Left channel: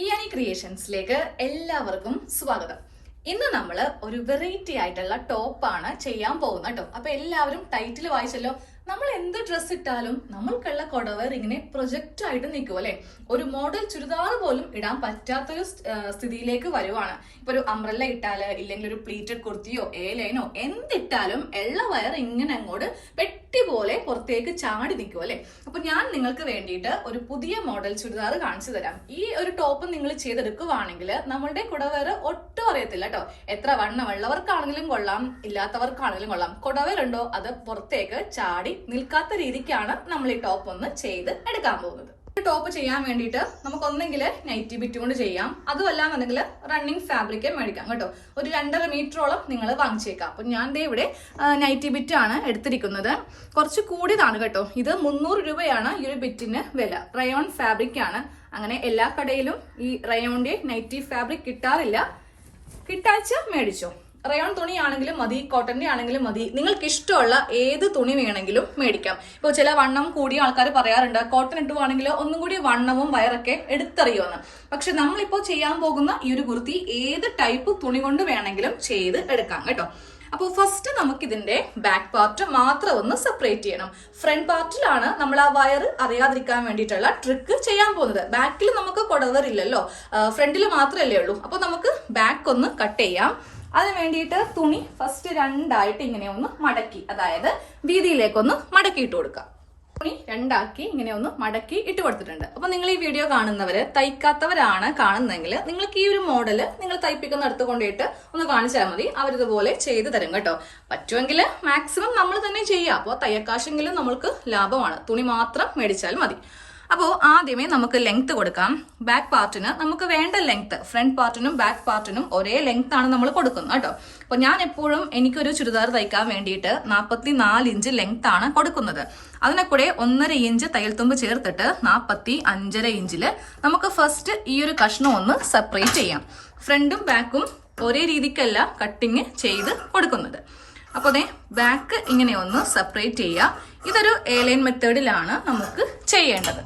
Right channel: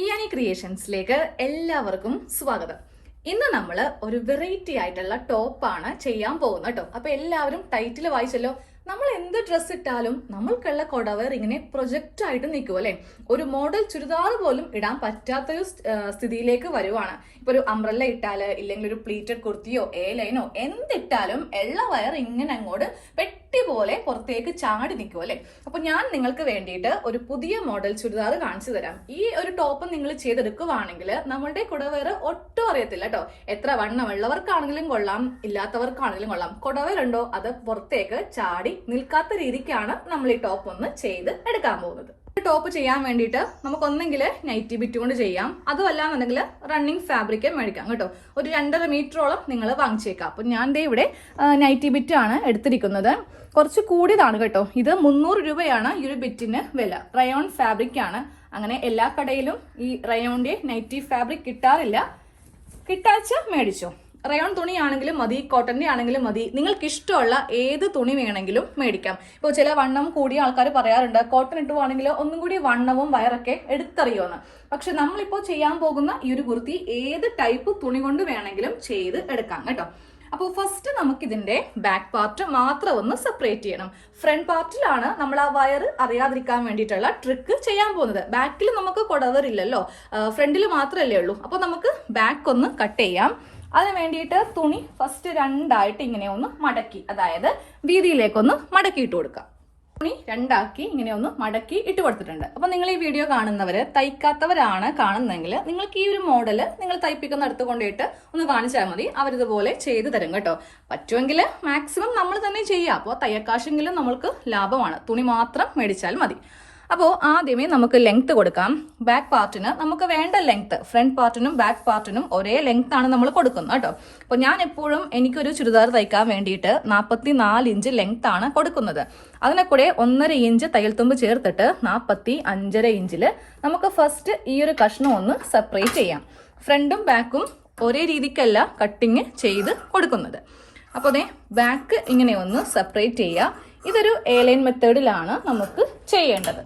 ഇയാനി ക്രിയേഷൻസിലേക്ക് എല്ലാവർക്കും സ്വാഗതം. ഇന്ന് നമ്മൾ ഒരു വെറൈറ്റി ആയിട്ടുള്ള ടോപ്പാണ് ചെയ്യാൻ പോകുന്നത് കേട്ടോ. അപ്പൊ എല്ലാവരും ടൈറ്റിൽ വായിച്ചല്ലോ. നമ്മൾ എന്ത് ഡ്രസ് ഇട്ടാലും നമ്മൾക്കുള്ള കൊടവർ ഇങ്ങനെ പ്രൊജക്റ്റ് ആയിട്ട് നിൽക്കും അല്ലെ. ഒരു മോഡൽ ചുരിദാർ പോലും ഇടാൻ പറ്റാത്തൊരു സ്ഥിതിയിലേക്ക് വരുവാണ്. ഇപ്പൊ ഒരു അംബ്രല്ല ഇട്ടാല്, ഇല്ലെങ്കിൽ ഒരു പ്ലീറ്റഡ് കുർത്തിയോ എ ലൈനോ എന്തിട്ടാലും എള്ള വയർ ഇങ്ങനെ അങ്ങോട്ട് പെട്ടി പോലെ പുറത്തേക്ക് ചാടി നിൽക്കും അല്ലെ. അപ്പൊ ഞാൻ നിങ്ങൾക്ക് വേണ്ടിയിട്ട് ഒരു പുതിയ മോഡൽ ചുരിദാർ കാണിച്ചു തരാം. ഈ ഒരു ടോപ്പ് നിങ്ങൾ ചെയ്തെടുക്കുവാണെങ്കിൽ നമ്മളുടെ കുടവയർ ഒട്ടും അറിയത്തില്ല കേട്ടോ. എത്ര വണ്ണമുള്ളവർക്കാണെങ്കിലും കൊള്ളാം, ഇല്ലാത്തവർക്കാണെങ്കിലും കൊള്ളാം. കുടവയറുണ്ടോ അത് പുറത്തേക്ക് ചാടി നിൽക്കാത്ത രീതിക്കാണ് നമ്മൾ ഈ ടോപ്പ് ഒന്ന് ചെയ്ത് എടുക്കാൻ പോകുന്നത്. ടോപ്പ് ചെയ്യാൻ വേണ്ടിയിട്ട് നമുക്ക് ഒന്നെങ്കിൽ നൈറ്റി ബിറ്റ് കൊണ്ട് ചെയ്യാം, അതുമല്ലാന്നുണ്ടെങ്കിൽ റണ്ണിങ് ഫാബ്രിക് മേടിക്കാം കേട്ടോ. ഒരു 2.5 മീറ്ററോളം നിങ്ങൾ വാങ്ങിച്ചേക്കാം. അപ്പൊ ഞാൻ ഇവിടെ നൈറ്റി ബിറ്റ് ആണ് എടുത്തിരിക്കുന്നത്. കുറച്ച് കൂടിയതാണ് കേട്ടോ. ഇത് 300 രൂപയാണ് ഈ ഒരു ബിറ്റിന് വില. റയോൺ ഫാബ്രിക് ആണ്. അങ്ങനെ എല്ലാ കടയിലും ഈ റയോണിന്റെ നൈറ്റി ഫാബ്രിക് കിട്ടാറില്ല. കിട്ടാച്ച മേടിച്ചോ. റയോൺ തുണി ആണെങ്കിലും മതി, കോട്ടന്റെ ആണെങ്കിലും മതി. നിങ്ങൾക്ക് ഇഷ്ടമുള്ള ഏത് തുണി വേണമെങ്കിലും മേടിക്കാം. ഇപ്പോൾ ചില വണ്ണം കൂടിയ ആൾക്കാർ പറയാറുണ്ട് കോട്ടൺ ഇട്ടുവാണെങ്കിൽ ഒന്നും കൂടി വണ്ണവും വയറൊക്കെ എടുത്തറിയുമെന്ന്. പക്ഷെ നമ്മളിപ്പോൾ ചെയ്യാൻ പോകുന്ന ഈ ഒരു കുർത്തി ഏത് ടൈപ്പ് തുണി കൊണ്ട് വേണമെങ്കിലും ചെയ്ത് എടുക്കാം കേട്ടോ. അപ്പോൾ ഫസ്റ്റ് നമുക്ക് ഇതിന്റെ ബാക്ക് പാർട്ട് മാത്രം ഒന്ന് സെപ്പറേറ്റ് ചെയ്യണം. ഫ്രണ്ട് പാർട്ടിലാണ് നമ്മൾ ആ വയർ അറിയാതിരിക്കാൻ വേണ്ടിയിട്ടുള്ള ട്രിക്ക് ചെയ്യാൻ പോകുന്നത്. ബാക്കിൽ നമുക്ക് കൊടവർ ഇല്ലല്ലോ, ഫ്രണ്ടിൽ മാത്രമല്ലേ ഉള്ളൂ. അപ്പോൾ നമുക്ക് ബാക്ക് ഒന്ന് കട്ട് ചെയ്യാം. അതിന് വേണ്ടിയിട്ട് തുണി ഫസ്റ്റ് രണ്ടായിട്ട് ഇങ്ങനെ ഒന്ന് മടക്കി, അതായത് വീതിയിലേക്കൊന്ന് മടക്കി ഇട്ട് കൊടുക്കാം. തുണി രണ്ടാക്കി ഇങ്ങനെ ഒന്ന് മടക്കി ഇട്ട് കൊടുത്തിട്ടുണ്ട്. അപ്പൊ നിങ്ങൾ ഈ വീഡിയോ കാണുന്നവര് തയ്ക്കാത്തവരാണ് കാണുന്നതെങ്കിൽ നിങ്ങൾക്ക് ഈ ഒരു മോഡല് നിങ്ങൾ തയ്പ്പിക്കുന്ന അടുത്ത് കൊണ്ടിട്ട് ഒന്ന് കാണിച്ചാൽ മതി. അവരിതുപോലെ ചെയ്തു തരും കേട്ടോ. പറ്റുമെങ്കിൽ മാക്സിമം നമ്മൾ തന്നെ ചെയ്യാം. അപ്പോൾ തയ്യക്കാശെങ്കിലും നമ്മൾക്ക് ലാഭമാണ്. തുണി മാത്രം മേടിച്ചാൽ മതി. അപ്പോൾ ആദ്യമേ നമുക്ക് ലെങ്ത് കൊടുക്കാം. ബാക്ക് പാർട്ടിന് നമുക്ക് വേണ്ട ലെങ്ത് ഫ്രണ്ട് പാർട്ടിനും ബാക്ക് പാർട്ടിനും ഒരേ ലെങ്ത് ആണ് നമ്മൾ കൊടുക്കുന്നത് കേട്ടോ. അപ്പോൾ ഞാൻ എപ്പോഴും എനിക്കൊരു ചുരിദാർ തയ്ക്കാൻ വേണ്ടിയിട്ട് 44 ഇഞ്ച് ലെങ്ത് ആണ് കൊടുക്കുന്നത്. അതിനെ കൂടെ 1.5 ഇഞ്ച് തയ്യൽ തുമ്പ് ചേർത്തിട്ട് 45.5 ഇഞ്ചിൽ നമുക്ക് ഫസ്റ്റ് ഈ ഒരു കഷ്ണം ഒന്ന് സെപ്പറേറ്റ് ചെയ്യാം. ഫ്രണ്ടും ബാക്കും ഒരേ രീതിക്കല്ല കട്ടിങ് ചെയ്ത് കൊടുക്കുന്നത്. അപ്പോൾ അതെ ബാക്ക് ഇങ്ങനെ ഒന്ന് സെപ്പറേറ്റ് ചെയ്യുക. ഇതൊരു എ ലൈൻ മെത്തേഡിലാണ് നമുക്ക് ചെയ്യേണ്ടത്.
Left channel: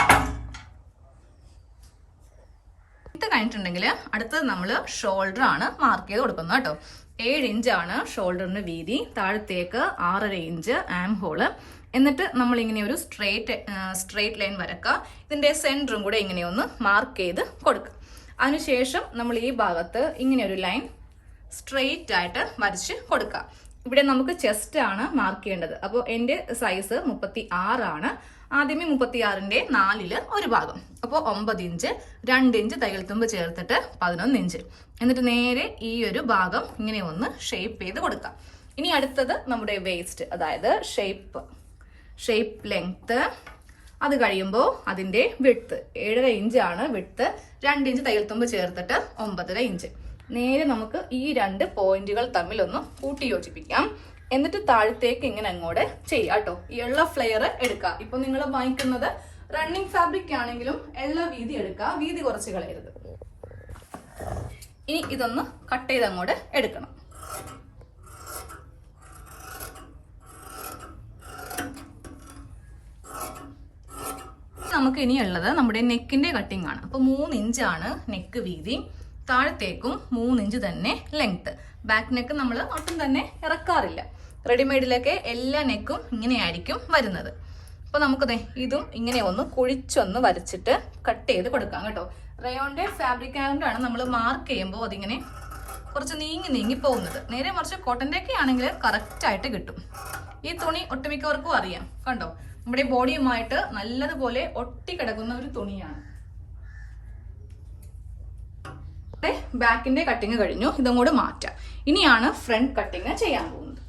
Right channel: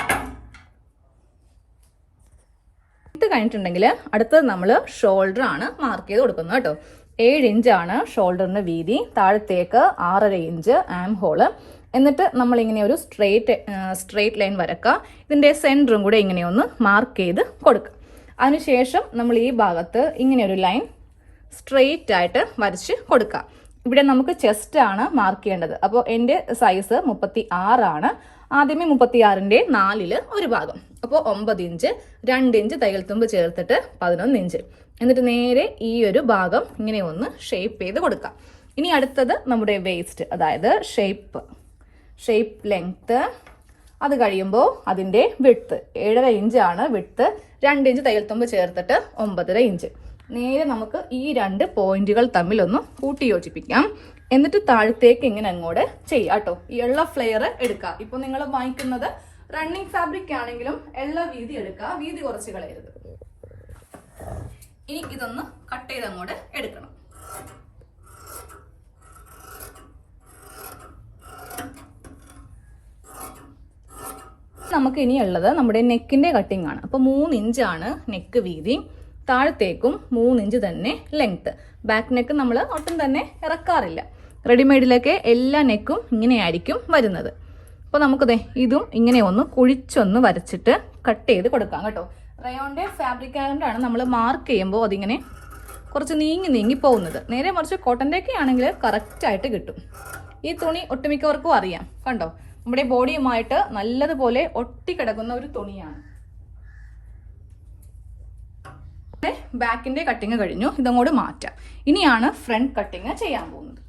ഇത് കഴിഞ്ഞിട്ടുണ്ടെങ്കിൽ അടുത്തത് നമ്മൾ ഷോൾഡർ ആണ് മാർക്ക് ചെയ്ത് കൊടുക്കുന്നത് കേട്ടോ. 7 ഇഞ്ചാണ് ഷോൾഡറിന്റെ വീതി. താഴത്തേക്ക് 6.5 ഇഞ്ച് ആം ഹോള്. എന്നിട്ട് നമ്മളിങ്ങനെ ഒരു സ്ട്രെയിറ്റ് ലൈൻ വരക്കുക. ഇതിന്റെ സെന്ററും കൂടെ ഇങ്ങനെ ഒന്ന് മാർക്ക് ചെയ്ത് കൊടുക്കുക. അതിനുശേഷം നമ്മൾ ഈ ഭാഗത്ത് ഇങ്ങനെ ഒരു ലൈൻ സ്ട്രെയിറ്റ് ആയിട്ട് വരച്ച് കൊടുക്കുക. ഇവിടെ നമുക്ക് ചെസ്റ്റ് ആണ് മാർക്ക് ചെയ്യേണ്ടത്. അപ്പോൾ എൻ്റെ സൈസ് 36 ആണ്. ആദ്യമേ 36ന്റെ 4ൽ ഒരു ഭാഗം, അപ്പോൾ 9 ഇഞ്ച്. 2 ഇഞ്ച് തയ്യൽ തുമ്പ് ചേർത്തിട്ട് 11 ഇഞ്ച്. എന്നിട്ട് നേരെ ഈ ഒരു ഭാഗം ഇങ്ങനെ ഒന്ന് ഷേപ്പ് ചെയ്ത് കൊടുക്കാം. ഇനി അടുത്തത് നമ്മുടെ വേസ്റ്റ്, അതായത് ഷേപ്പ് ലെങ്ത്. അത് കഴിയുമ്പോൾ അതിൻ്റെ വിഡ്ത്ത് 7.5 ഇഞ്ചാണ് വിഡ്ത്ത്. 2 ഇഞ്ച് തയ്യൽ തുമ്പ് ചേർത്തിട്ട് 9.5 ഇഞ്ച്. നേരെ നമുക്ക് ഈ 2 പോയിന്റുകൾ തമ്മിലൊന്ന് കൂട്ടി യോജിപ്പിക്കാം. എന്നിട്ട് താഴത്തേക്ക് ഇങ്ങനെ അങ്ങോട്ട് ചെയ്യാം കേട്ടോ. ഈ എള്ള ഫ്ലെയർ എടുക്കുക. ഇപ്പൊ നിങ്ങൾ വാങ്ങിക്കുന്നത് റണ്ണിങ് ഫാബ്രിക് ആണെങ്കിലും എള്ള വീതി എടുക്കുക. വീതി കുറച്ച് കളയരുത്. ഇനി ഇതൊന്ന് കട്ട് ചെയ്ത് അങ്ങോട്ട് എടുക്കണം. നമുക്ക് ഇനിയുള്ളത് നമ്മുടെ നെക്കിന്റെ കട്ടിംഗ് ആണ്. അപ്പൊ 3 ഇഞ്ചാണ് നെക്ക് വീതി. താഴത്തേക്കും 3 ഇഞ്ച് തന്നെ ലെങ്ത്. ബാക്ക് നെക്ക് നമ്മൾ ഒട്ടും തന്നെ ഇറക്കാറില്ല. റെഡിമെയ്ഡിലൊക്കെ എല്ലാ നെക്കും ഇങ്ങനെയായിരിക്കും വരുന്നത്. അപ്പോൾ നമുക്കത് ഇതും ഇങ്ങനെ ഒന്ന് കുഴിച്ചൊന്ന് വരച്ചിട്ട് കട്ട് ചെയ്ത് കൊടുക്കാം കേട്ടോ. റയോണിന്റെ ഫാബ്രിക് ആയതുകൊണ്ടാണ് നമ്മൾ മാർക്ക് ചെയ്യുമ്പോൾ അതിങ്ങനെ കുറച്ച് നീങ്ങി പോകുന്നത്. നേരെ മറിച്ച് കോട്ടൻ്റെ ഒക്കെ ആണെങ്കിൽ കറക്റ്റായിട്ട് കിട്ടും. ഈ തുണി ഒട്ടുമിക്കവർക്കും അറിയാം. കണ്ടോ, നമ്മുടെ ബോഡിയുമായിട്ട് നല്ലതുപോലെ ഒട്ടിക്കിടക്കുന്ന ഒരു തുണിയാണ്. ബാക്കിന്റെ കട്ടിങ് കഴിഞ്ഞു. ഇതങ്ങോട്ട് മാറ്റാം. ഇനിയാണ് ഫ്രണ്ട് കട്ടിങ് ചെയ്യാൻ പോകുന്നത്.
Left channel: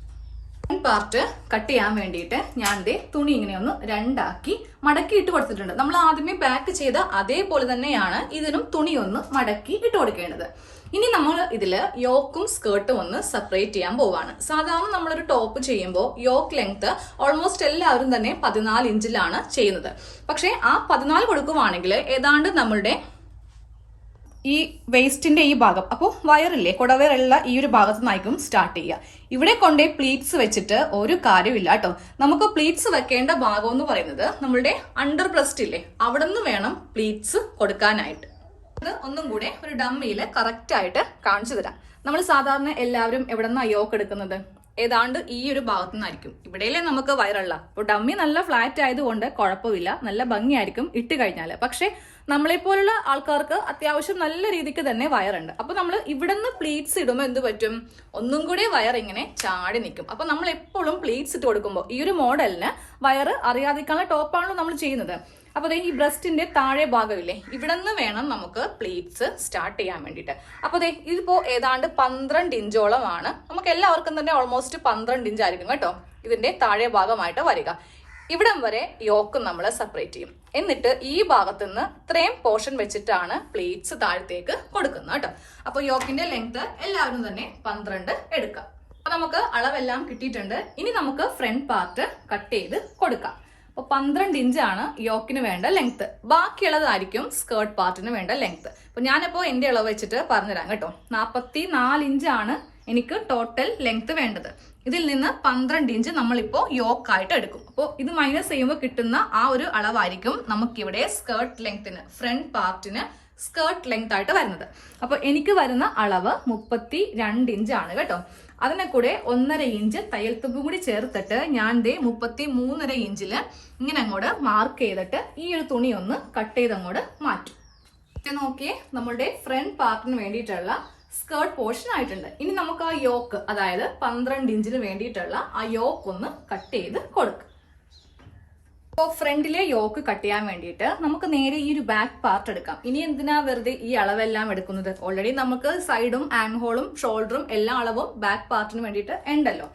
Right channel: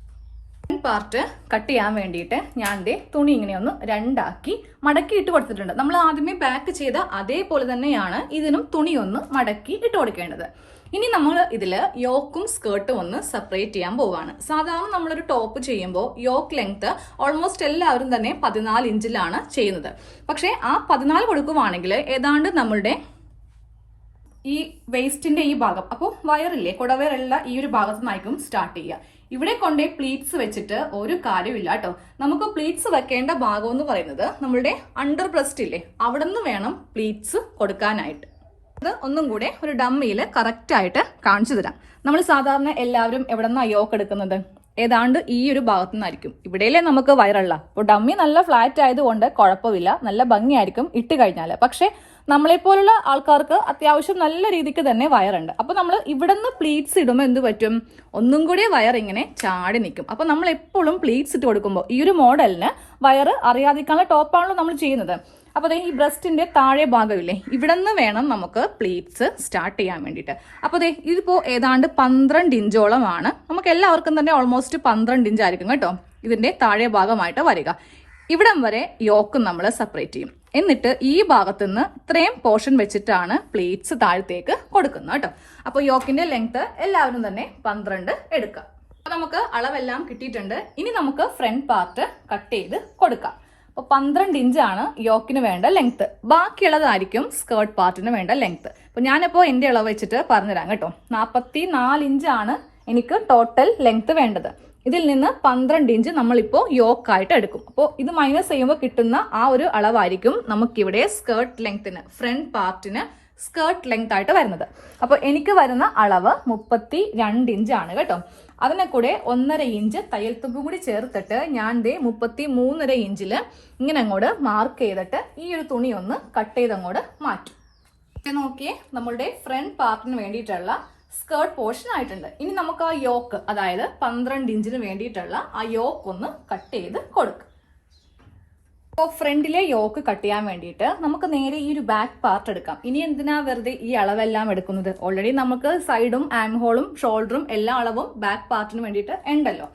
ഫ്രണ്ട് പാർട്ട് കട്ട് ചെയ്യാൻ വേണ്ടിയിട്ട് ഞാൻ തുണി ഇങ്ങനെ ഒന്ന് രണ്ടാക്കി മടക്കി ഇട്ട് കൊടുത്തിട്ടുണ്ട്. നമ്മൾ ആദ്യമേ ബാക്ക് ചെയ്ത അതേപോലെ തന്നെയാണ് ഇതിനും തുണി ഒന്ന് മടക്കി ഇട്ട് കൊടുക്കേണ്ടത്. ഇനി നമ്മൾ ഇതില് യോക്കും സ്കേർട്ടും ഒന്ന് സെപ്പറേറ്റ് ചെയ്യാൻ പോവാണ്. സാധാരണ നമ്മളൊരു ടോപ്പ് ചെയ്യുമ്പോൾ യോക്ക് ലെങ്ത് ഓൾമോസ്റ്റ് എല്ലാവരും തന്നെ 14 ഇഞ്ചിലാണ് ചെയ്യുന്നത്. പക്ഷെ ആ 14 കൊടുക്കുവാണെങ്കിൽ ഏതാണ്ട് നമ്മളുടെ ഈ വേസ്റ്റിന്റെ ഈ ഭാഗം, അപ്പോൾ വയറില്ലേ കുടവയറുള്ള ഈ ഒരു ഭാഗത്ത് നിന്നായിരിക്കും സ്റ്റാർട്ട് ചെയ്യുക. ഇവിടെ കൊണ്ടേ പ്ലീറ്റ്സ് വെച്ചിട്ട് ഒരു കാര്യമില്ല കേട്ടോ. നമുക്ക് പ്ലീറ്റ്സ് വെക്കേണ്ട ഭാഗം എന്ന് പറയുന്നത് നമ്മളുടെ അണ്ടർ ബ്രസ്റ്റ് ഇല്ലേ, അവിടെ നിന്ന് വേണം പ്ലീറ്റ്സ് കൊടുക്കാനായിട്ട്. ഇത് ഒന്നും കൂടെ ഒരു ഡമ്മിയിൽ കറക്റ്റ് ആയിട്ട് കാണിച്ചു തരാം. നമ്മൾ സാധാരണ എല്ലാവരും എവിടെ നിന്നാണ് യോക്ക് എടുക്കുന്നത്? ഏതാണ്ട് ഈ ഒരു ഭാഗത്തു നിന്നായിരിക്കും. ഇവിടെയല്ലേ നമുക്ക് വയറുള്ള. അപ്പോൾ ഡമ്മി നല്ല ഫ്ലാറ്റ് ആയതുകൊണ്ട് കുഴപ്പമില്ല, നല്ല ഭംഗിയായിരിക്കും ഇട്ട് കഴിഞ്ഞാൽ. പക്ഷെ നമ്മളെപ്പോലുള്ള ആൾക്കാർക്ക് അത്യാവശ്യം നല്ല രീതിക്ക് തന്നെ വയറുണ്ട്. അപ്പൊ നമ്മൾ ഇവിടെ നിന്ന് പ്ലീറ്റ്സ് ഇടുമ്പോൾ എന്ത് പറ്റും? ഒന്നും കൂടി വയർ ഇങ്ങനെ ചാടി നിൽക്കും. അപ്പൊ നമ്മൾ എപ്പോഴും പ്ലീറ്റ്സ് ഇട്ട് കൊടുക്കുമ്പോൾ ഈ ഒരു മോഡലിന് വയറ് അറിയാതിരിക്കാനുള്ള ടോപ്പാണല്ലോ നമ്മൾ ചെയ്യുന്നത്. അപ്പൊ ഈ ബ്രസ്റ്റിന്റെ താഴെ ഭാഗമില്ലേ, ഇവിടെ നിന്ന് വേണം നമുക്ക് പ്ലീറ്റ്സ് സ്റ്റാർട്ട് ചെയ്യാൻ വേണ്ടിയിട്ട്. അപ്പൊ ഇതിപ്പോ ഏതാണ്ട് 12 ഇഞ്ചോളമാണ്. നമുക്ക് എല്ലാവർക്കും തന്നെ ഓൾമോസ്റ്റ് 12 ഇഞ്ച് ആയിരിക്കും കേട്ടോ ഇതിന്റെ താഴെ ഭാഗമായിട്ട് വരിക. ഇവിടം വരെ യോക്ക് നമ്മൾ സെപ്പറേറ്റ് ചെയ്യും. എന്നിട്ട് ഈ ഭാഗത്ത് നിന്ന് ഇത്രയും പോർഷൻ വെച്ചിട്ടാണ് പ്ലേറ്റ്സ് താഴത്തേക്ക് കൊടുക്കുന്നത് കേട്ടോ. അപ്പൊ യോക്കിന്റെ ലെങ്ത് എല്ലാവരും തന്നെ 12 എടുക്കാം. അപ്പൊ നമുക്ക് അളവെല്ലാം കിട്ടിയിട്ടുണ്ട്. ഇനി നമുക്ക് ഫ്രണ്ട് പാർട്ട് കട്ട് ചെയ്ത് കൊടുക്കാം. അപ്പൊ 12 ഇഞ്ചാണ് യോക്കിന് വേണ്ട ലെങ്ത്. ബാക്കിയുള്ളതായിരിക്കും സ്കേർട്ട് പാർട്ടിന് വേണ്ട ലെങ്ത്. അപ്പൊ ഞാനിപ്പോ എന്റെ അളവ് വെച്ചിട്ട് പറഞ്ഞുതരാം കേട്ടോ. 44 ഇഞ്ചാണ് എനിക്ക് ടോട്ടൽ ലെങ്ത് വേണ്ടത്. ഇതിൽ നിന്ന് 12 ഇഞ്ച് നമ്മളിപ്പോ യോക്കായിട്ട് എടുക്കും. അപ്പോൾ ഇത് മൈനസ് ചെയ്യുമ്പോൾ കിട്ടുന്ന ആ ഒരു അളവായിരിക്കും നമുക്കിവിടെ സ്കേർട്ട് ലെങ്ത്തിന്, ഫ്രണ്ട് പാർട്ടിന് സ്കേർട്ട് ലെങ്ത് ആയിട്ട് വരുന്നത്. അപ്പൊ എനിക്ക് വരുന്ന അളവ് 32 ഇഞ്ചാണ് കേട്ടോ. അതിനെ കൂടെ 1.5 ഇഞ്ച് തയ്യൽ തുമ്പും കൂടി ചേർത്തിട്ട് ഞാൻ 33.5 ഇഞ്ചില് ഇങ്ങനെ അങ്ങോട്ട് മാർക്ക് ചെയ്തിട്ട് ഈ ഒരു തുണി ഒന്ന് കട്ട് ചെയ്ത് അങ്ങോട്ട് മാറ്റും. നോക്കിയേ, നമ്മളുടെ ഫ്രണ്ട് പാർട്ടിന് വേണ്ടിയിട്ടുള്ള സ്കേർട്ട് പോർഷൻ ആയിട്ടുണ്ട്. ഇനി നമുക്ക് ആ യോക്ക്, അതായത് 12 ഇഞ്ചിന് വേണ്ടിയിട്ടുള്ള ആ യോക്ക് ഒന്ന് കട്ട് ചെയ്ത് കൊടുക്കുക. അപ്പോൾ ഫ്രണ്ടിലെ യോക്ക് കട്ട് ചെയ്യാൻ വേണ്ടിയിട്ട് നമുക്ക് നേരെ ഈ ഒരു ബാക്ക് പാർട്ട് എടുക്കാം. ഇനി എന്തിനാ വെറുതെ ഈ അളവെല്ലാം എടുക്കുന്നത്? ഓൾറെഡി നമുക്ക് സൈഡും ആം ഹോളും ഷോൾഡറും എല്ലാ അളവും ബാക്ക് പാർട്ടിന് വേണ്ടിയിട്ട് ഉണ്ടല്ലോ.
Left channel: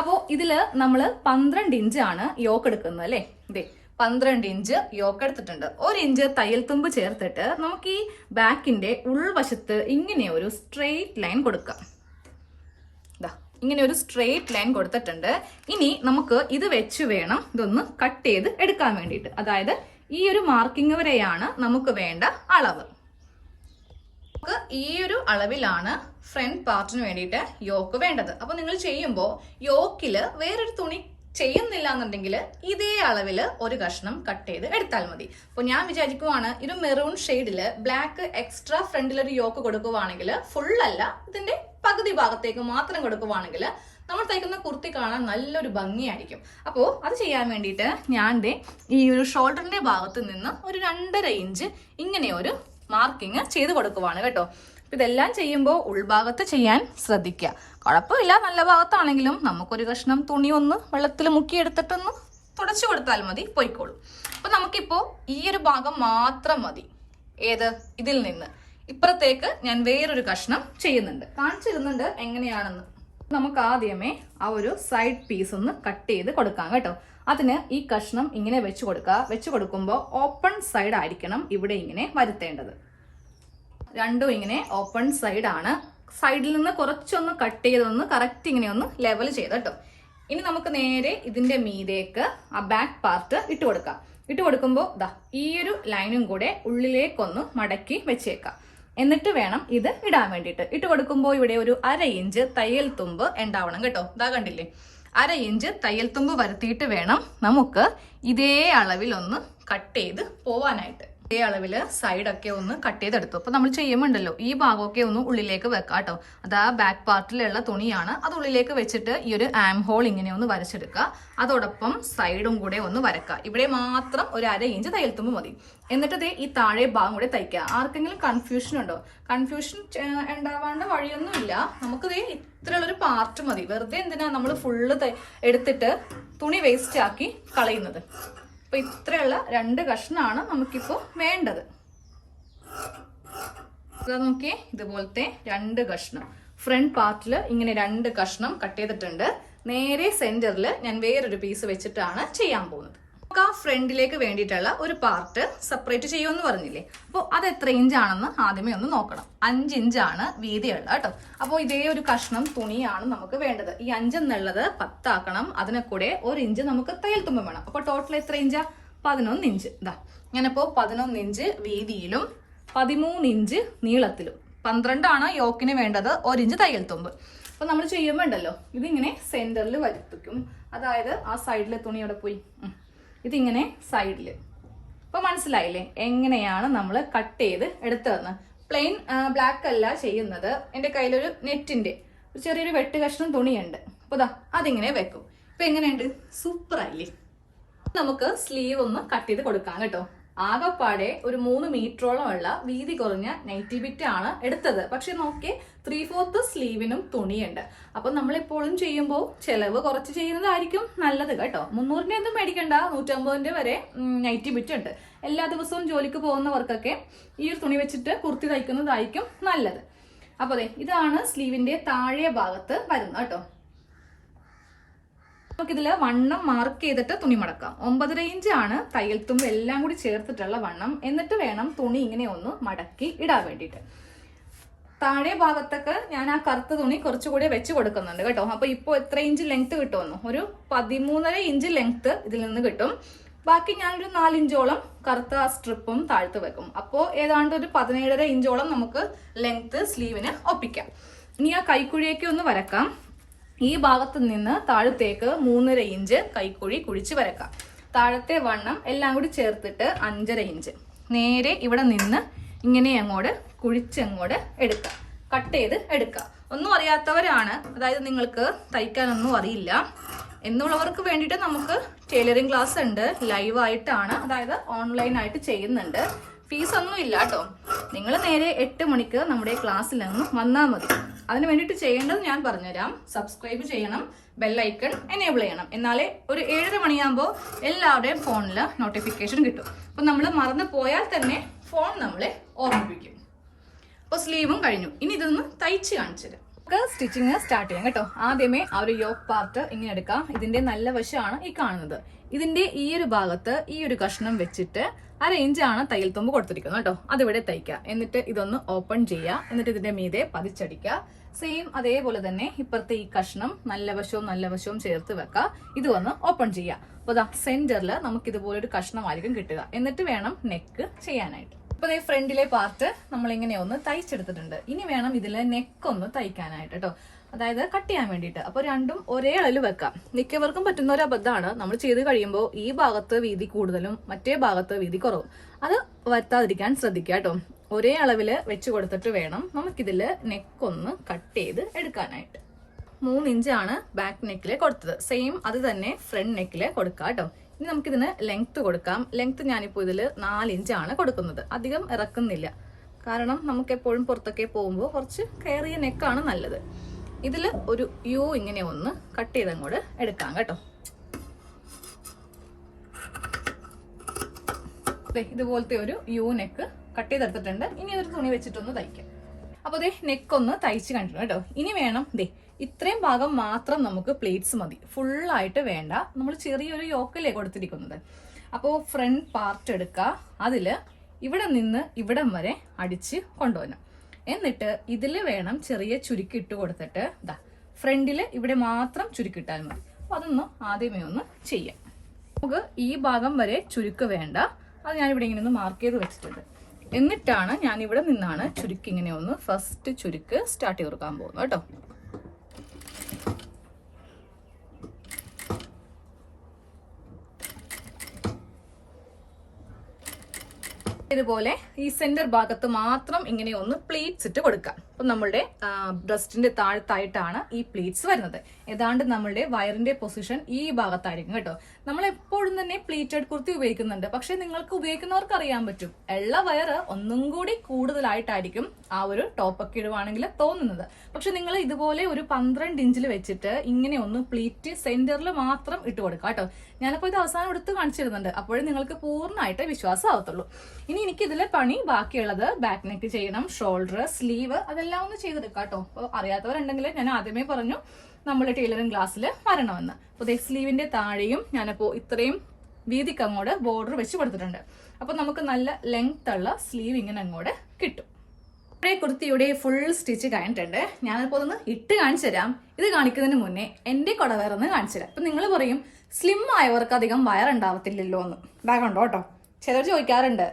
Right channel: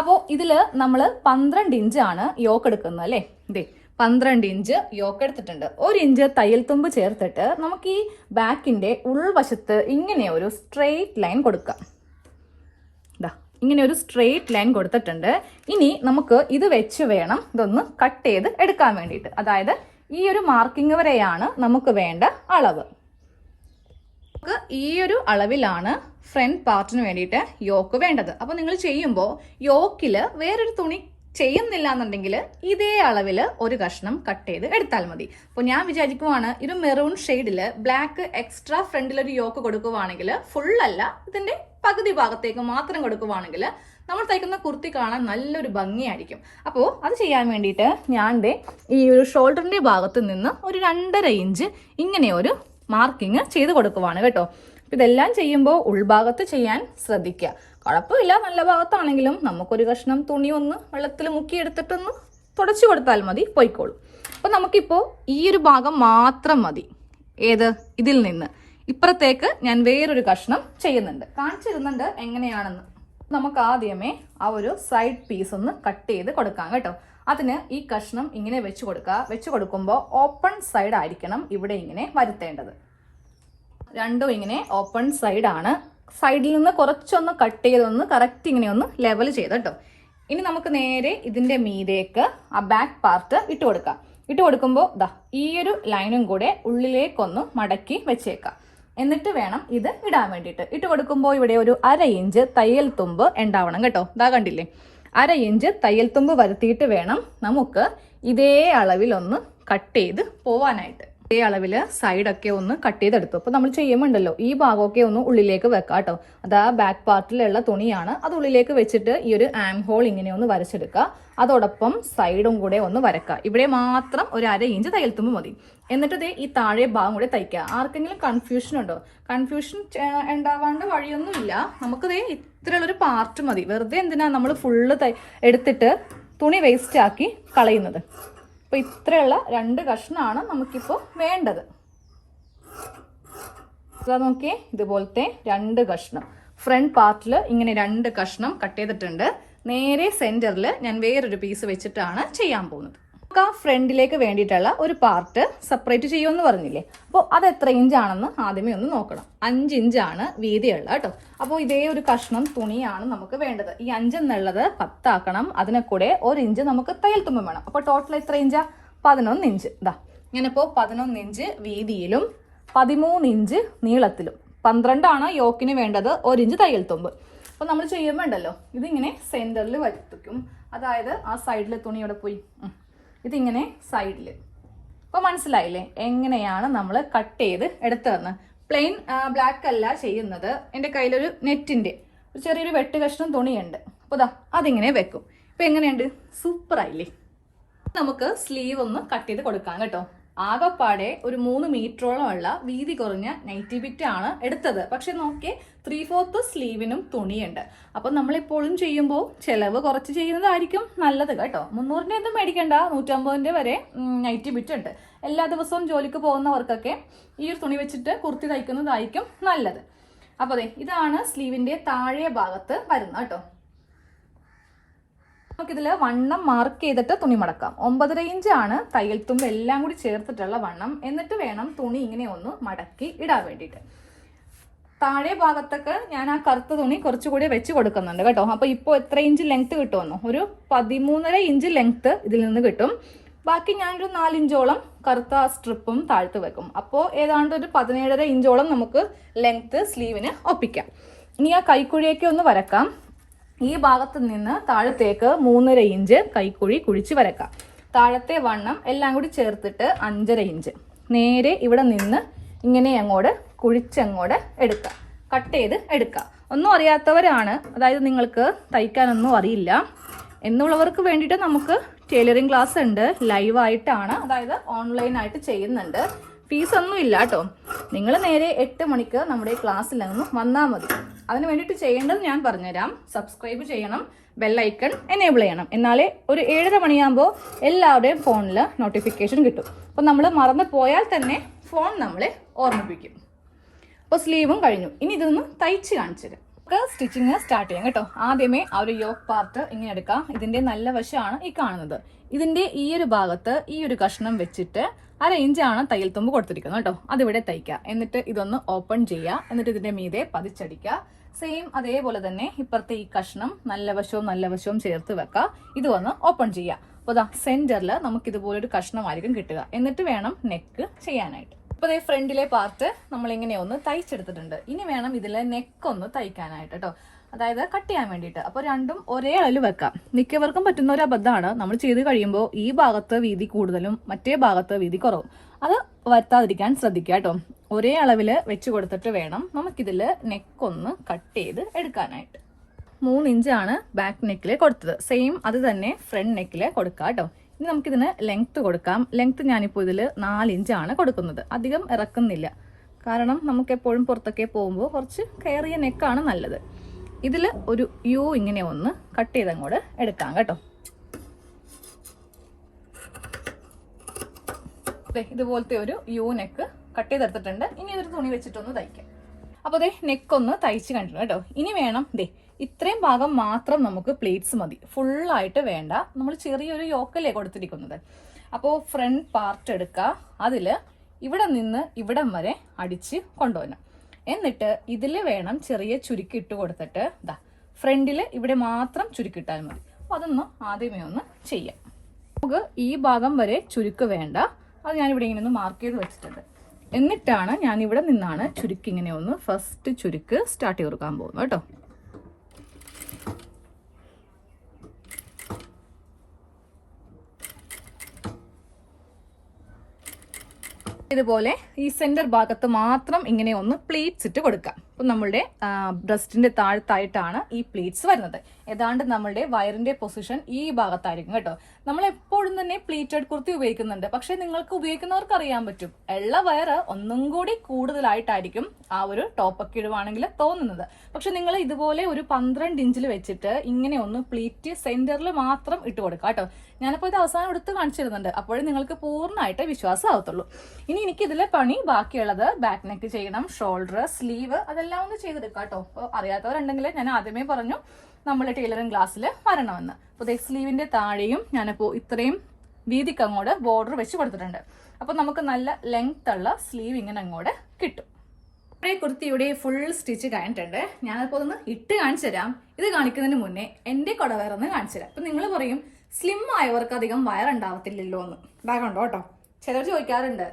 അപ്പോൾ ഇതില് നമ്മൾ 12 ഇഞ്ചാണ് യോക്ക് എടുക്കുന്നത് അല്ലേ. ഇതേ 12 ഇഞ്ച് യോക്ക് എടുത്തിട്ടുണ്ട്. 1 ഇഞ്ച് തയ്യൽ തുമ്പ് ചേർത്തിട്ട് നമുക്ക് ഈ ബാക്കിന്റെ ഉൾവശത്ത് ഇങ്ങനെ ഒരു സ്ട്രെയിറ്റ് ലൈൻ കൊടുക്കാം. ഇങ്ങനെ ഒരു സ്ട്രെയിറ്റ് ലൈൻ കൊടുത്തിട്ടുണ്ട്. ഇനി നമുക്ക് ഇത് വെച്ച് വേണം ഇതൊന്ന് കട്ട് ചെയ്ത് എടുക്കാൻ വേണ്ടിയിട്ട്. അതായത് ഈ ഒരു മാർക്കിംഗ് വരെയാണ് നമുക്ക് വേണ്ട അളവ്. നമുക്ക് ഈ ഒരു അളവിലാണ് ഫ്രണ്ട് പാർട്ടിന് വേണ്ടിയിട്ട് യോക്ക് വേണ്ടത്. അപ്പൊ നിങ്ങൾ ചെയ്യുമ്പോൾ യോക്കില് വേറൊരു തുണി ചെയ്യുന്നില്ല എന്നുണ്ടെങ്കിൽ ഇതേ അളവില് ഒരു കഷ്ണം കട്ട് ചെയ്ത് എടുത്താൽ മതി. അപ്പൊ ഞാൻ വിചാരിക്കുവാണ് ഒരു മെറൂൺ ഷെയ്ഡില് ബ്ലാക്ക് എക്സ്ട്രാ ഫ്രണ്ടിലൊരു യോക്ക് കൊടുക്കുവാണെങ്കിൽ, ഫുൾ അല്ല ഇതിന്റെ പകുതി ഭാഗത്തേക്ക് മാത്രം കൊടുക്കുവാണെങ്കിൽ നമ്മൾ തയ്ക്കുന്ന കുർത്തി കാണാൻ നല്ലൊരു ഭംഗിയായിരിക്കും. അപ്പോൾ അത് ചെയ്യാൻ വേണ്ടിയിട്ട് ഞാൻ ഈ ഒരു ഷോൾഡറിന്റെ ഭാഗത്ത് നിന്ന് ഒരു 2.5 ഇഞ്ച് ഇങ്ങനെ ഒരു മാർക്കിങ് ചെയ്ത് കൊടുക്കുവാണ് കേട്ടോ. ഇതെല്ലാം ചെയ്യുമ്പോൾ ഉൾഭാഗത്ത് ചെയ്യാൻ ശ്രദ്ധിക്കുക. കുഴപ്പമില്ല, നല്ല ഭാഗത്താണെങ്കിലും നമുക്കൊരു കഷ്ണം തുണി ഒന്ന് വെള്ളത്തിൽ മുക്കിയെടുത്തിട്ടൊന്ന് തുടച്ചു കൊടുത്താൽ മതി, പോയിക്കോളും. അപ്പൊ നമുക്കിപ്പോ ഈ ഒരു ഭാഗം മാത്രം മതി. ഏത്? ഇതിൽ നിന്ന് ഇപ്പുറത്തേക്ക് ഞാൻ വേറൊരു കഷ്ണം ചെയ്യുന്നുണ്ട്, കാണിച്ചിരുന്നുണ്ട് എങ്ങനെയാണെന്ന്. നമുക്ക് ആദ്യമേ ആ ഒരു സൈഡ് പീസ് ഒന്ന് കട്ട് ചെയ്ത് കൊടുക്കാം കേട്ടോ. അതിന് ഈ കഷ്ണം ഇങ്ങനെ വെച്ച് കൊടുക്കുക. വെച്ച് കൊടുക്കുമ്പോൾ ഓപ്പൺ സൈഡ് ആയിരിക്കണം ഇവിടെ ഇങ്ങനെ വരുത്തേണ്ടത്. രണ്ടും ഇങ്ങനെ ഓപ്പൺ സൈഡ് ആണ്. സൈഡിൽ നിന്ന് കുറച്ചൊന്ന് കട്ട് ചെയ്തൊന്ന് കറക്റ്റ് ഇങ്ങനെ ഒന്ന് ലെവൽ ചെയ്ത് കേട്ടോ. ഇനി നമുക്ക് നേരെ ഇതിന്റെ മീതേക്ക് ആ ബാക്ക് പാർട്ട് ഇട്ട് കൊടുക്കാം. ഇട്ട് കൊടുക്കുമ്പോൾ ഈ ഒരു ലൈനും കൂടെ ഉള്ളിലേക്കൊന്ന് മടക്കി വെച്ചേക്കാം. എന്നിട്ട് വേണം ഇത് ഇടാൻ വേണ്ടിയിട്ട്. ഇട്ട് കൊടുക്കുമ്പോൾ ഇവിടെ ഒരു 1/2 ഇഞ്ച് തയ്യൽ തുമ്പ് ഉണ്ടാവണം കേട്ടോ. കണ്ടില്ലേ, 1/2 ഇഞ്ച് തയ്യൽ തുമ്പ് വരുത്തിയിട്ട് വേണം നമുക്ക് ഇതേ അളവിൽ ഒന്ന് കട്ട് ചെയ്ത് പോവാനായിട്ട്. ഇതേ അളവില് സൈഡൊക്കെ ഒന്ന് കട്ട് ചെയ്തെടുത്തു. അപ്പൊ നമ്മൾ ചെയ്യുമ്പോണ്ടല്ലോ ഈ ഭാഗമൊക്കെ ഒന്ന് ഉള്ളിലേക്ക് വെക്കാം കേട്ടോ. അത് ആ ബാക്ക് പാർട്ടിലുള്ള തുണിയാണ്. അത് ഉള്ളിലേക്ക് വെച്ചിട്ട് ഈ ഒരു ആം ഹോൾ ഇങ്ങനെ ഒന്ന് വരച്ചെടുക്കുക. അതോടൊപ്പം സൈഡും കൂടെ ഒന്ന് വരക്കുക. ഇവിടെ മാത്രം ഒരു 1/2 ഇഞ്ച് തയ്യൽ തുമ്പ് മതി. എന്നിട്ട് ഈ താഴെ ഭാഗം കൂടെ തയ്ക്കുക. ആർക്കെങ്കിലും കൺഫ്യൂഷൻ ഉണ്ടോ? കൺഫ്യൂഷൻ ഉണ്ടാവാണ്ട് വഴിയൊന്നുമില്ല. നമുക്ക് ഇത്രയുള്ളൊരു പാർട്ട് മതി. വെറുതെ എന്തിനാ നമ്മൾ ഫുള്ള് എടുത്തിട്ട് തുണി വേസ്റ്റ് ആക്കി കളയുന്നത്. അപ്പൊ ഇത്രയുള്ള 2 കഷ്ണമാണ് നമുക്കിപ്പോ വേണ്ടത്. നോക്കിയേ, ഇതുപോലത്തെ 2 കഷ്ണം ഫ്രണ്ട് പാർട്ടിൽ ഇങ്ങനെ 2 കഷ്ണം കട്ട് ചെയ്തിട്ടുണ്ട്. നേരെ സെന്ററിൽ ഞാൻ വേറൊരു പീസ് വെച്ചിട്ടാണ് ചെയ്യാൻ പോകുന്നത്. നമുക്ക് ആ ഫ്രണ്ടിലേക്ക് വേണ്ടിയിട്ടുള്ള ഒരു പാർട്ട് സെപ്പറേറ്റ് ചെയ്യുമെന്ന് പറഞ്ഞില്ലേ. അപ്പോൾ അത് എത്ര ഇഞ്ചാണെന്ന് ആദ്യമേ ഒന്ന് നോക്കണം. 5 ഇഞ്ചാണ് വീതിയുള്ള കേട്ടോ. അപ്പോൾ ഇതേ ഒരു കഷ്ണം തുണിയാണ് നമുക്ക് വേണ്ടത്. ഈ 5 എന്നുള്ളത് 10 ആക്കണം. അതിനെ കൂടെ 1 ഇഞ്ച് നമുക്ക് തയ്യൽ തുമ്പ് വേണം. അപ്പോൾ ടോട്ടൽ എത്ര ഇഞ്ചാ? 11 ഇഞ്ച്. ഞാനിപ്പോൾ 11 ഇഞ്ച് വീതിയിലും 13 ഇഞ്ച് നീളത്തിലും 12 ആണ് യോക്കിന് വേണ്ടത്. 1 ഇഞ്ച് തയ്യൽ തുമ്പ്. അപ്പൊ നമ്മൾ ചെയ്യുമ്പോൾ ഉണ്ടല്ലോ ഇതിങ്ങനെ സെന്ററിൽ വരുത്തിക്കും. അതായത് ആ സൈഡിലെ തുണി അവിടെ പോയി ഇതിങ്ങനെ സൈഡിൽ അപ്പോൾ മനസ്സിലായില്ലേ എങ്ങനെയാണ് നമ്മൾ കട്ട് ചെയ്ത് എടുത്തതെന്ന്. പ്ലെയിൻ ബ്ലാക്ക് അല്ല ചെയ്യുന്നത്. എൻ്റെ കയ്യിലൊരു നെറ്റിന്റെ ഒരു ചെറിയൊരു വെട്ട് കഷ്ണം തുണിയുണ്ട്. അപ്പോൾ ദാ അതിങ്ങനെ വെക്കും. ഇപ്പൊ എങ്ങനെയുണ്ട്? സൂപ്പർ ആയില്ലേ? നമുക്ക് സ്ലീവ് ഒന്ന് കട്ട് ചെയ്ത് കൊടുക്കാം കേട്ടോ. ആകെപ്പാടെ ഒരു 3 മീറ്ററോളം ഉള്ള വീതി കുറഞ്ഞ നൈറ്റി ബിറ്റ് ആണ് എടുത്തത്. പക്ഷെ നോക്കിയേ 3/4 സ്ലീവിനും തുണിയുണ്ട്. അപ്പൊ നമ്മളെപ്പോഴും ചെയ്യുമ്പോൾ ചെലവ് കുറച്ച് ചെയ്യുന്നതായിരിക്കും നല്ലത് കേട്ടോ. 300ന്റെ ഒന്നും മേടിക്കണ്ട, 150ന്റെ വരെ നൈറ്റി ബിറ്റ് ഉണ്ട്. എല്ലാ ദിവസവും ജോലിക്ക് പോകുന്നവർക്കൊക്കെ ഈ ഒരു തുണി വെച്ചിട്ട് കുർത്തി തയ്ക്കുന്നതായിരിക്കും നല്ലത്. അപ്പൊ അതെ, ഇതാണ് സ്ലീവിന്റെ താഴെ ഭാഗത്ത് വരുന്നത് കേട്ടോ. നമുക്കിതിൽ വണ്ണം മാർക്ക് ചെയ്തിട്ട് തുണി മടക്കാം. 9.5 ഇഞ്ചാണ് തയ്യൽ തുമ്പ് എല്ലാം കൂടി ചേർത്തിട്ടുള്ള വണ്ണം. എന്നിട്ട് വേണം തുണി ഇങ്ങനെ ഒന്ന് മടക്കി ഇടാൻ വേണ്ടിയിട്ട്. താഴെ ഭാഗത്തൊക്കെ ഞാൻ ആ കറുത്ത തുണി കുറച്ചുകൂടി വെച്ച് കൊടുക്കുന്നുണ്ട് കേട്ടോ. അപ്പൊ ഇപ്പോൾ എത്ര ഇഞ്ച് ലെങ്ത് കിട്ടുമെന്നോ? ഒരു 13.5 ഇഞ്ച് ലെങ്ത് ഇതിൽ നിന്ന് കിട്ടും. ബാക്കി ഞാനൊരു 4 ഇഞ്ചോളം കറുത്ത സ്ട്രിപ്പും താഴ്ത്ത് വെക്കും. അപ്പോൾ ഏതാണ്ട് ഒരു 17.5 ഇഞ്ചോളം നമുക്ക് ലെങ്ത് സ്ലീവിന് ഒപ്പിക്കാം. ഇനി ആ കൈക്കുഴിയൊക്കെ ഒന്ന് വരക്കാം. ഈ ഭാഗത്ത് നിന്ന് താഴത്തേക്ക് 3.5 ഇഞ്ച് കൈക്കുഴി കുഴിച്ച് വരക്കാം. താഴത്തെ വണ്ണം എല്ലാം കൂടി ചേർത്തിട്ട് 5.5 ഇഞ്ച് നേരെ ഇവിടെ നിന്ന് ഇങ്ങനെ അങ്ങോട്ട് കുഴിച്ചങ്ങോട്ട് എടുക്കാം, കട്ട് ചെയ്ത് എടുക്കാം. ഒന്നും അറിയാത്തവരാണ്, അതായത് നിങ്ങൾക്ക് തയ്ക്കാനൊന്നും അറിയില്ല എന്നുള്ളവർക്ക് വേണ്ടിയിട്ട് നമുക്ക് ടൈലറിംഗ് ക്ലാസ് ഉണ്ട്. ലൈവായിട്ടാണ്, അതായത് ഓൺലൈനായിട്ട് ചെയ്യുന്നുണ്ട്. ഫീസ് ഒന്നും ഇല്ല കേട്ടോ. നിങ്ങൾ നേരെ 8 മണിക്ക് നമ്മുടെ ക്ലാസ്സിൽ നിന്ന് വന്നാൽ മതി. അതിന് വേണ്ടിയിട്ട് ചെയ്യേണ്ടത് ഞാൻ പറഞ്ഞുതരാം. സബ്സ്ക്രൈബ് ചെയ്യണം, ബെല്ലൈക്കൺ എനേബിൾ ചെയ്യണം. എന്നാലേ ഒരു 7:30 മണിയാകുമ്പോൾ എല്ലാവരുടെയും ഫോണിൽ നോട്ടിഫിക്കേഷൻ കിട്ടും. അപ്പം നമ്മൾ മറന്നു പോയാൽ തന്നെ ഫോൺ നമ്മളെ ഓർമ്മിപ്പിക്കും. അപ്പോൾ സ്ലീവും കഴിഞ്ഞു. ഇനി ഇതൊന്ന് തയ്ച്ച് കാണിച്ചു തരാം. നമുക്ക് സ്റ്റിച്ചിങ് സ്റ്റാർട്ട് ചെയ്യാം കേട്ടോ. ആദ്യമേ ആ ഒരു യോക്ക് പാർട്ട് ഇങ്ങനെ എടുക്കാം. ഇതിന്റെ നല്ല വശമാണ് ഈ കാണുന്നത്. ഇതിന്റെ ഈ ഒരു ഭാഗത്ത് ഈ ഒരു കഷ്ണം വെച്ചിട്ട് 1/2 ഇഞ്ചാണ് തയ്യൽ തുമ്പ് കൊടുത്തിരിക്കുന്നത് കേട്ടോ. അതിവിടെ തയ്ക്കുക. എന്നിട്ട് ഇതൊന്ന് ഓപ്പൺ ചെയ്യുക. എന്നിട്ട് ഇതിന്റെ മീതെ പതിച്ചടിക്കുക. സെയിം അതേപോലെ തന്നെ ഇപ്പുറത്തെ ഈ കഷ്ണം നല്ല വശവും ചേർത്ത് വെക്കുക. ഇത് വന്ന് ഓപ്പൺ ചെയ്യുക. അപ്പോൾ അതാ സെന്ററിൽ നമുക്ക് ഇതുപോലൊരു കഷ്ണമായിരിക്കും കിട്ടുക. എന്നിട്ട് വേണം നെക്ക് ചെയ്യാനായിട്ട്. അപ്പോൾ ഈ ഫ്രണ്ടിലെ പാർട്ട് നമ്മൾ ഇങ്ങനെ ഒന്ന് തയ്ച്ചെടുത്തിട്ടുണ്ട്. ഇനി വേണം ഇതിലെ നെക്ക് ഒന്ന് തയ്ക്കാനായിട്ട് കേട്ടോ, അതായത് കട്ട് ചെയ്യാൻ വേണ്ടിയിട്ട്. അപ്പോൾ രണ്ടും ഒരേ അളവിൽ വെക്കാം. മിക്കവർക്കും പറ്റുന്ന ഒരു അബദ്ധമാണ്, നമ്മൾ ചെയ്ത് കഴിയുമ്പോൾ ഈ ഭാഗത്ത് വീതി കൂടുതലും മറ്റേ ഭാഗത്ത് വീതി കുറവും. അത് വരുത്താതിരിക്കാൻ ശ്രദ്ധിക്കുക കേട്ടോ. ഒരേ അളവിൽ വെച്ച് കൊടുത്തിട്ട് വേണം നമുക്കിതിൽ നെക്കൊന്ന് കട്ട് ചെയ്ത് എടുക്കാനായിട്ട്. 3 ഇഞ്ചാണ് ബാക്ക് നെക്കില് കൊടുത്തത്. സെയിം അത് തന്നെ ഫ്രണ്ട് നെക്കില് കൊടുക്കാം കേട്ടോ. ഇനി നമുക്കിതിന് ലെങ്ത് കൊടുക്കാം. ലെങ്ത് ഞാനിപ്പോൾ ഇതിൽ 4 ഇഞ്ചാണ് കൊടുക്കുന്നത്. അധികം ഇറക്കുന്നില്ല, കാരണം നമുക്ക് എപ്പോഴും പുറത്തൊക്കെ പോകുമ്പോൾ കുറച്ച് കയറിയ നെക്കാണ് നല്ലത്. ഇതിൽ ഒരു യു ഇങ്ങനെ ഒന്ന് കട്ട് ചെയ്തങ്ങോട്ട് എടുക്കാം കേട്ടോ. ഇതുപോലത്തെ ഒരു യു നെക്ക് കട്ട് ചെയ്തെടുത്തിട്ടുണ്ട്. ഇനി ഇതൊരു തുണി വെച്ചിട്ടൊന്ന് തയ്ക്കാം. അപ്പോൾ ദേ നെക്കൊന്ന് തയ്ച്ച് കണ്ടിട്ടുണ്ട് കേട്ടോ. ഇനി വേണം ഇത്രയും ഭാഗം മാത്രം നമുക്ക് പ്ലീറ്റ്സ് മതി, ഫുള്ളായിട്ട് വേണ്ട. നമ്മൾ ചെറിയൊരു യോക്കല്ലേ കൊടുത്തിരിക്കുന്നത്. അപ്പോൾ ഫ്രണ്ട് പാർട്ട് എടുക്കുക. അതിൽ ഇവിടെ നിന്ന് ഇവിടം വരെ അടിച്ച് കൊണ്ടുവരണം. എന്നിട്ട് ഇതിൽ വേണം ചെറിയ ചുരുക്കി ഇട്ട് കൊടുത്തിട്ട് ഫ്രണ്ടിൽ ഇവിടെ മാത്രം ചുരുക്കിട്ടാൽ മതി. അപ്പോൾ അതൊന്ന് ആദ്യമേ ഒന്ന് ചെയ്യാം. നമുക്ക് ഈ ഭാഗം വരെ ചുരുക്ക് വേണ്ട. അത് ഞാനിവിടെ ഇങ്ങനെ ഒന്ന് മാർക്ക് ചെയ്ത് വെച്ചിട്ടുണ്ട്. എന്നിട്ടാണ് ഞാനിവിടെ നിന്നാണ് ചുരുക്കി ഇങ്ങനെ ഒന്ന് ഫസ്റ്റ് ചുരുക്ക് സ്റ്റാർട്ട് ചെയ്ത് കൊടുക്കാൻ പോകുന്നത് കേട്ടോ. ഇതുപോലെ ഈ സെന്റർ ഭാഗത്ത് മാത്രം ഇങ്ങനെ ഒന്ന് പ്ലീറ്റ്സ് ഇട്ട് കൊടുക്കാം. അപ്പൊ നമ്മളുടെ ബ്രസ്റ്റിന്റെ താഴത്തായിട്ടാണ് ഈ പ്ലീറ്റ്സ് വരുന്നത്. ഏതാണ്ട് നമ്മളുടെ വയറിന്റെ പൊസിഷൻ ഈ ഭാഗത്തായിരിക്കും കേട്ടോ. നമ്മൾ എപ്പോഴും തന്നെ പ്ലീറ്റഡ് കുർത്തി ഉപയോഗിക്കുന്നുണ്ട്. പക്ഷെ നിങ്ങൾക്ക് ഉപയോഗിക്കുന്നവർക്ക് അറിയാൻ പറ്റും, ഉള്ള വയറ് ഒന്നും കൂടി കൂടുതലായിട്ടായിരിക്കും ആ ഒരു ടോപ്പൊക്കെ ഇടുവാണെങ്കിൽ തോന്നുന്നത്. പക്ഷെ നിങ്ങൾ ഇതുപോലെ ഒരു 12 ഇഞ്ചിൽ വെച്ചിട്ട് ഇങ്ങനെ ഒന്ന് പ്ലീറ്റ് സെന്ററിൽ മാത്രം ഇട്ട് കൊടുക്കാം കേട്ടോ. ഞാനിപ്പോൾ ഇത് അവസാനം എടുത്ത് കാണിച്ചിരുന്നുണ്ട്. അപ്പോഴേ നിങ്ങൾക്ക് പൂർണ്ണമായിട്ട് വിശ്വാസം ആവത്തുള്ളൂ. ഇനി എനിക്കിതിലെ പണി ബാക്കിയുള്ളത് ബാക്ക് നെക്ക് ചെയ്യണം, ഷോൾഡർ, സ്ലീവ്, അതെല്ലാം ഒന്ന് ചെയ്തെടുക്കാം കേട്ടോ. അപ്പോൾ അറിയാത്തവരുണ്ടെങ്കിൽ ഞാൻ ആദ്യമേ പറഞ്ഞു നമ്മൾ ടൈലറിംഗ് ക്ലാസ്സിൽ വരണമെന്ന്. അപ്പോൾ സ്ലീവിന്റെ താഴെയും ഞാനപ്പോൾ ഇത്രയും വീതിക്ക് അങ്ങോട്ട് ബോർഡർ വെച്ച് കൊടുത്തിട്ടുണ്ട്. അപ്പോൾ നമുക്ക് നല്ല ലെങ്ത് ഉള്ള സ്ലീവ് ഇങ്ങനെ അങ്ങോട്ട് കിട്ടും. ഇവിടെ കുർത്തിയുടെ ഫുൾ സ്റ്റിച്ച് കഴിഞ്ഞിട്ടുണ്ട്. ഞാനിപ്പോൾ ഒന്ന് ഇട്ട് കാണിച്ചു തരാം. ഇത് കാണിക്കുന്നതിന് മുന്നേ എൻ്റെ കുടവയറൊന്ന് കാണിച്ചു തരാം. അപ്പം നിങ്ങൾ പറയും സ്ലിം ആയവർക്ക് അധികം വയറുണ്ടാവത്തില്ലല്ലോ എന്ന്. ബാഗുണ്ടോ കേട്ടോ. ചിലർ ചോദിക്കാറുണ്ട്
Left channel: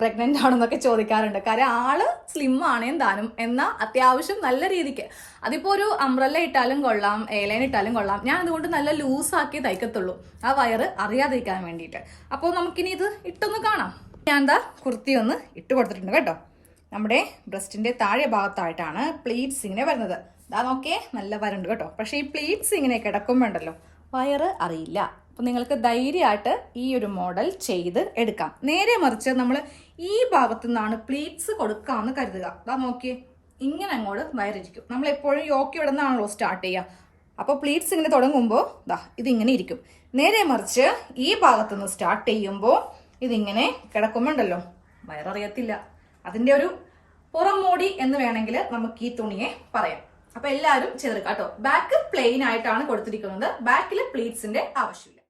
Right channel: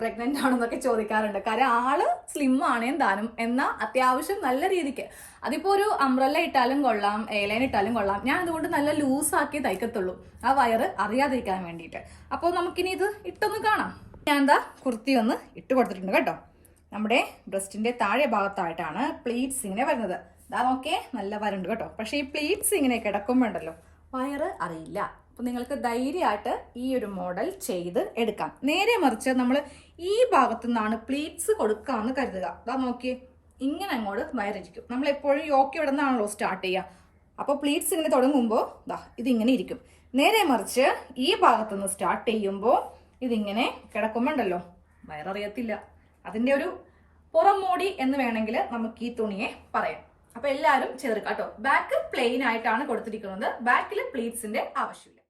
പ്രഗ്നന്റ് ആണെന്നൊക്കെ ചോദിക്കാറുണ്ട്. കാര്യം ആള് സ്ലിം ആണേം താനും, എന്നാൽ അത്യാവശ്യം നല്ല രീതിക്ക്. അതിപ്പോൾ ഒരു അംബ്രല്ല ഇട്ടാലും കൊള്ളാം, എയർലൈൻ ഇട്ടാലും കൊള്ളാം. ഞാൻ അതുകൊണ്ട് നല്ല ലൂസാക്കി തയ്ക്കത്തുള്ളൂ, ആ വയറ് അറിയാതിരിക്കാൻ വേണ്ടിയിട്ട്. അപ്പോൾ നമുക്കിനി ഇത് ഇട്ടൊന്ന് കാണാം. ഞാൻ എന്താ കുർത്തി ഒന്ന് ഇട്ട് കൊടുത്തിട്ടുണ്ട് കേട്ടോ. നമ്മുടെ ബ്രസ്റ്റിന്റെ താഴെ ഭാഗത്തായിട്ടാണ് പ്ലീറ്റ്സ് ഇങ്ങനെ വരുന്നത്. ഇതാ നോക്കേ, നല്ല വരണ്ട് കേട്ടോ. പക്ഷേ ഈ പ്ലീറ്റ്സ് ഇങ്ങനെ കിടക്കുമ്പോൾ ഉണ്ടല്ലോ, വയറ് അറിയില്ല. അപ്പം നിങ്ങൾക്ക് ധൈര്യമായിട്ട് ഈ ഒരു മോഡൽ ചെയ്ത് എടുക്കാം. നേരെ മറിച്ച് നമ്മൾ ഈ ഭാഗത്തു നിന്നാണ് പ്ലീറ്റ്സ് കൊടുക്കാമെന്ന് കരുതുക. ഇതാ നോക്കിയേ, ഇങ്ങനെ അങ്ങോട്ട് വയറിരിക്കും. നമ്മളെപ്പോഴും യോക്ക് ഇവിടെ നിന്നാണല്ലോ സ്റ്റാർട്ട് ചെയ്യുക. അപ്പോൾ പ്ലീറ്റ്സ് ഇങ്ങനെ തുടങ്ങുമ്പോൾ ദാ ഇതിങ്ങനെ ഇരിക്കും. നേരെ മറിച്ച് ഈ ഭാഗത്തുനിന്ന് സ്റ്റാർട്ട് ചെയ്യുമ്പോൾ ഇതിങ്ങനെ കിടക്കുമ്പോണ്ടല്ലോ, വയററിയത്തില്ല. അതിൻ്റെ ഒരു പുറം മോടി എന്ന് വേണമെങ്കിൽ നമുക്ക് ഈ തുണിയെ പറയാം. അപ്പൊ എല്ലാവരും ചെയ്തെടുക്കാം കേട്ടോ. ബാക്ക് പ്ലെയിൻ ആയിട്ടാണ് കൊടുത്തിരിക്കുന്നത്. ബാക്കിൽ പ്ലീറ്റ്സിന്റെ ആവശ്യമില്ല.